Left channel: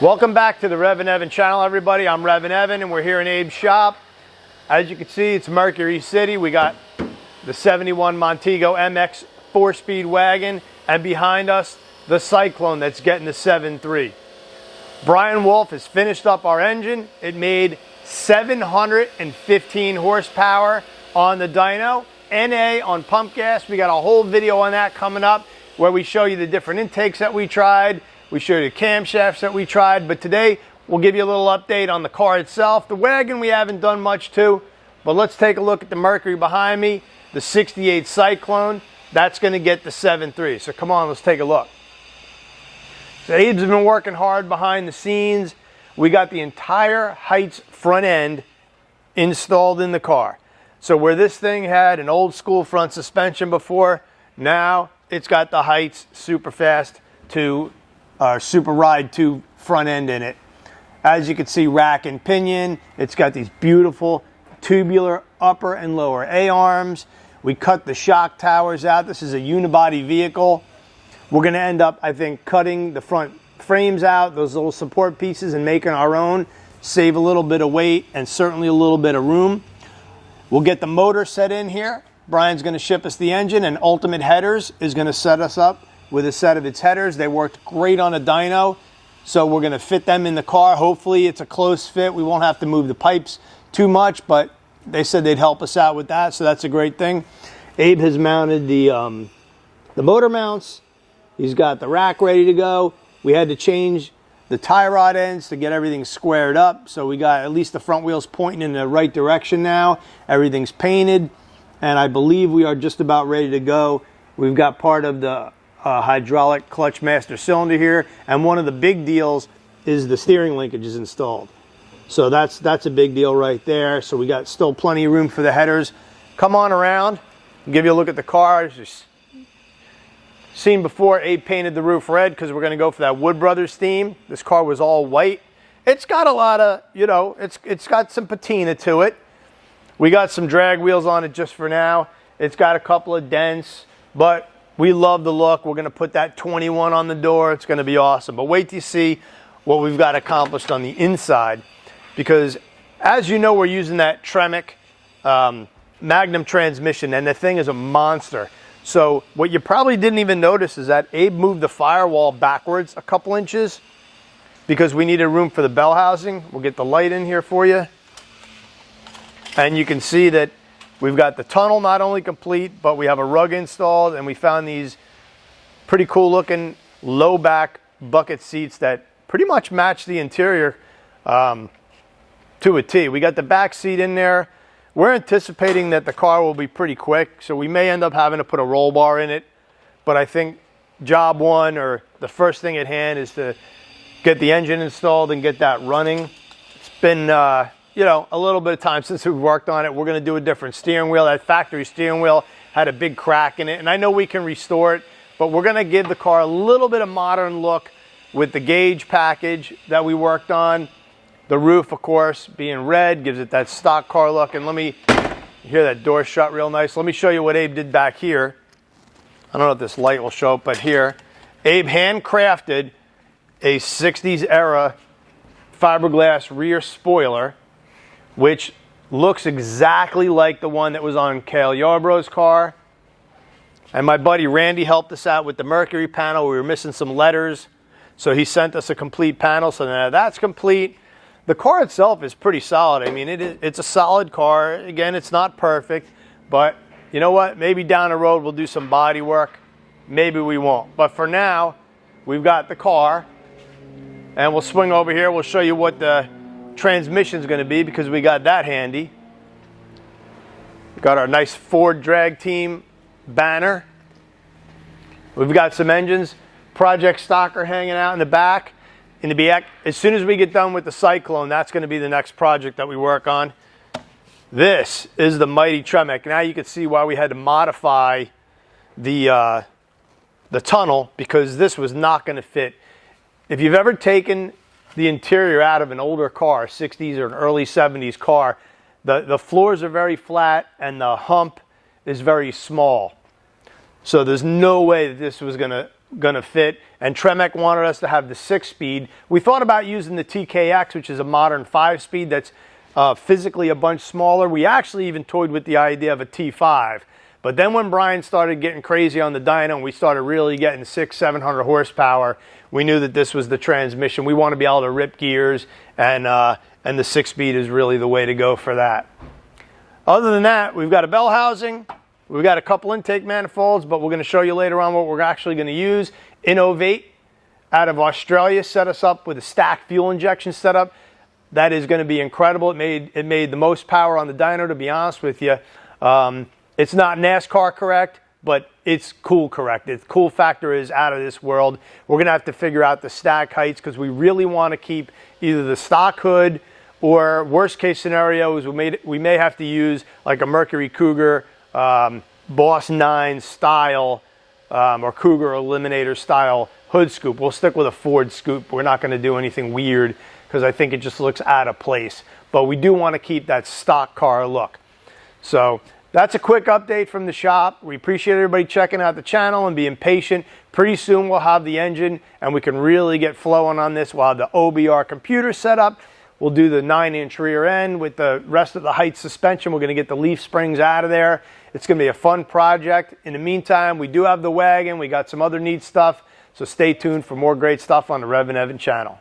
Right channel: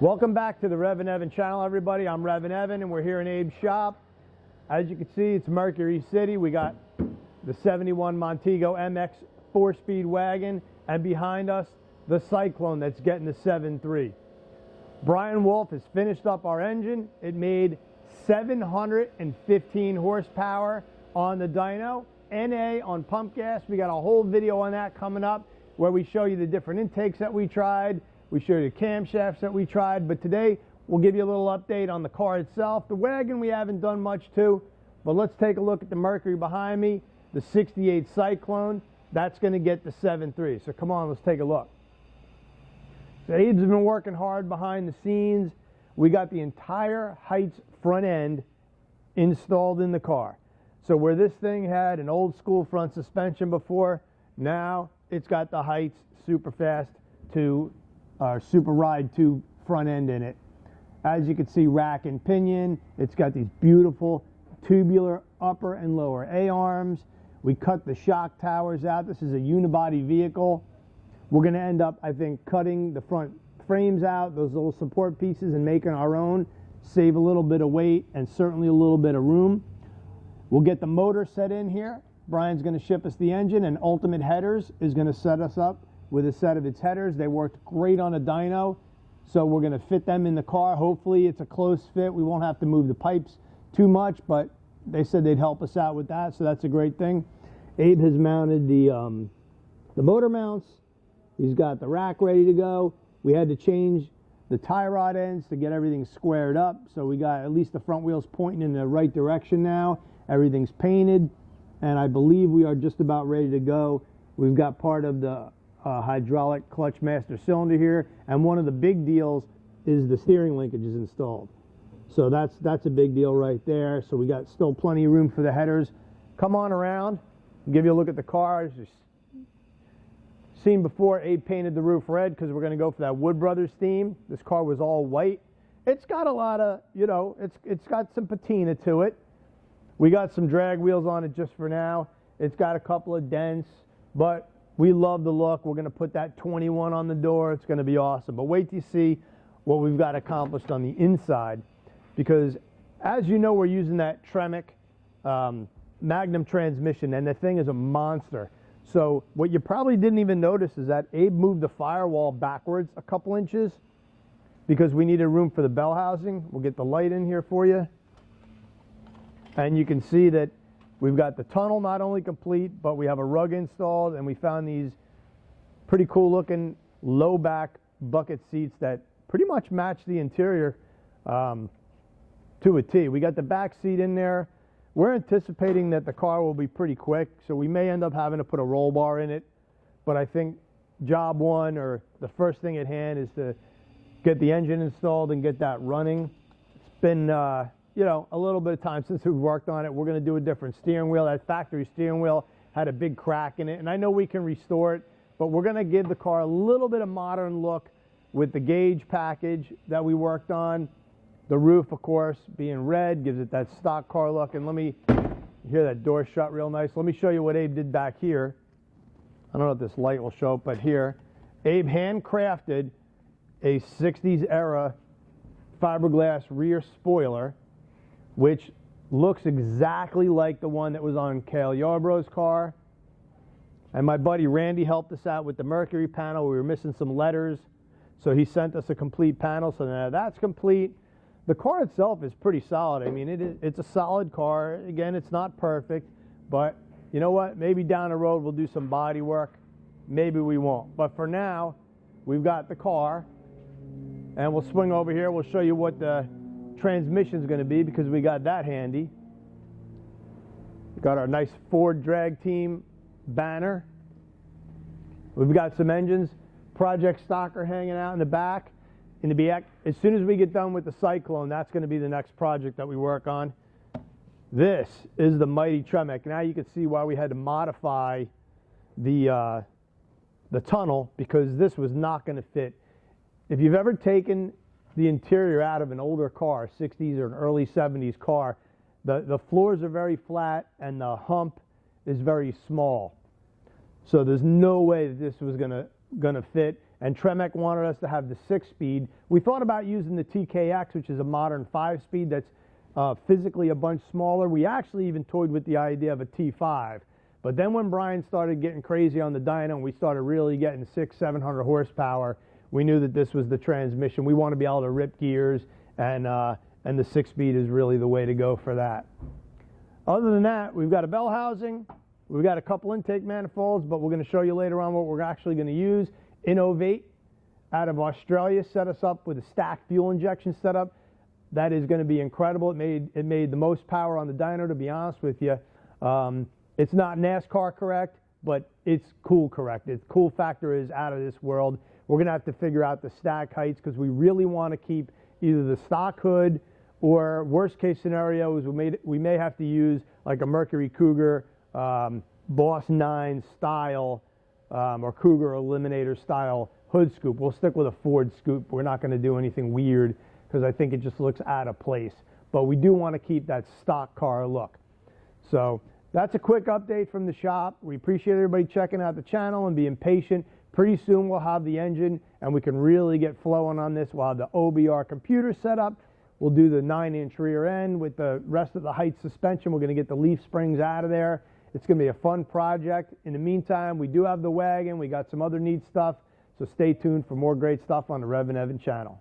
Welcome back to the REVan channel, everybody. I'm REVan and we're here in Abe's shop. As you can see, it's Mercury City. We got the 71 Montego MX 4-speed wagon, and behind us, the Cyclone that's getting the 7.3. Brian Wolf has finished up our engine. It made 715 horsepower on the dyno, NA on pump gas. We got a whole video on that coming up where we show you the different intakes that we tried. We showed you the camshafts that we tried, but today we'll give you a little update on the car itself. The wagon we haven't done much to, but let's take a look at the Mercury behind me, the 68 Cyclone. That's going to get the 7.3. So come on, let's take a look. So Abe's been working hard behind the scenes. We got the entire Heights front end installed in the car. So where this thing had an old school front suspension before, now it's got the Heights Super Fast 2 Super Ride 2 front end in it. As you can see, rack and pinion. It's got these beautiful tubular upper and lower A-arms. We cut the shock towers out. This is a unibody vehicle. We're going to end up, I think, cutting the front frames out, those little support pieces, and making our own. Save a little bit of weight and certainly a little bit of room. We'll get the motor set in here. Brian's going to ship us the engine, and Ultimate Headers is going to set us up with a set of its headers. They worked great on a dyno, so we're going to fit them in the car. Hopefully it's a close fit. We won't have to move the pipes too much, but they said they'd help us out with that, so that's a great thing. Abe has mounted the motor mounts. He's got the rack ready to go. We had to change the tie rod ends to get everything squared up, so we got at least the front wheels pointing in the right direction now. Everything's painted, and I believe we are just about ready to go. We've got part of the hydraulic clutch master cylinder here, and one of the big deals is the steering linkage is installed. So that's a big deal right there. So we got still plenty of room for the headers. Come on around, I'll give you a look at the car. As you've seen before, Abe painted the roof red because we're going to go for that Wood Brothers theme. This car was all white. It's got a lot of, you know, it's got some patina to it. We got some drag wheels on it just for now. It's got a couple of dents, but we love the look. We're going to put that 21 on the door. It's going to be awesome. But wait till you see what we've got accomplished on the inside, because as you know, we're using that Tremec Magnum transmission, and the thing is a monster. So what you probably didn't even notice is that Abe moved the firewall backwards a couple inches because we needed room for the bell housing. We'll get the light in here for you. And you can see that we've got the tunnel not only complete, but we have a rug installed, and we found these pretty cool looking low back bucket seats that pretty much match the interior to a T. We got the back seat in there. We're anticipating that the car will be pretty quick, so we may end up having to put a roll bar in it. But I think job one, or the first thing at hand, is to get the engine installed and get that running. It's been you know, a little bit of time since we've worked on it. We're going to do a different steering wheel. That factory steering wheel had a big crack in it, and I know we can restore it, but we're going to give the car a little bit of modern look with the gauge package that we worked on. The roof, of course, being red gives it that stock car look. And let me hear that door shut real nice. Let me show you what Abe did back here. I don't know if this light will show up, but here, Abe handcrafted a 60s era fiberglass rear spoiler, which looks exactly like the one that was on Cale Yarbrough's car. And my buddy Randy helped us out with the Mercury panel. We were missing some letters, so he sent us a complete panel. So now that's complete. The car itself is pretty solid. I mean, it's a solid car. Again, it's not perfect, but you know what? Maybe down the road we'll do some body work. Maybe we won't. But for now, we've got the car, and we'll swing over here. We'll show you what the transmission's going to be, because we got that handy. We got our nice Ford drag team banner. We've got some engines. Project Stalker hanging out in the back. As soon as we get done with the Cyclone, that's going to be the next project that we work on. This is the mighty Tremec. Now you can see why we had to modify the tunnel, because this was not going to fit. If you've ever taken the interior out of an older car, 60s or an early 70s car, the floors are very flat and the hump is very small. So there's no way that this was going to gonna fit. And Tremec wanted us to have the 6-speed. We thought about using the TKX, which is a modern 5-speed that's physically a bunch smaller. We actually even toyed with the idea of a T5. But then when Brian started getting crazy on the dyno and we started really getting 600-700 horsepower, we knew that this was the transmission. We want to be able to rip gears, and the 6-speed is really the way to go for that. Other than that, we've got a bell housing, we've got a couple intake manifolds, but we're going to show you later on what we're actually going to use. REVan out of Australia set us up with a stacked fuel injection setup. That is going to be incredible. It made the most power on the dyno, to be honest with you. It's not NASCAR correct, but it's cool correct. The cool factor is out of this world. We're going to have to figure out the stack heights because we really want to keep either the stock hood, or worst case scenarios, we may have to use like a Mercury Cougar Boss 9 style or Cougar Eliminator style hood scoop. We'll stick with a Ford scoop. We're not going to do anything weird because I think it just looks out of place. But we do want to keep that stock car look. So that's a quick update from the shop. We appreciate everybody checking out the channel and being patient. Pretty soon we'll have the engine and we can really get flowing on this. We'll have the OBR computer set up. We'll do the 9-inch rear end with the rest of the height suspension. We're going to get the leaf springs out of there. It's going to be a fun project. In the meantime, we do have the wagon. We got some other neat stuff. So stay tuned for more great stuff on the REVan channel.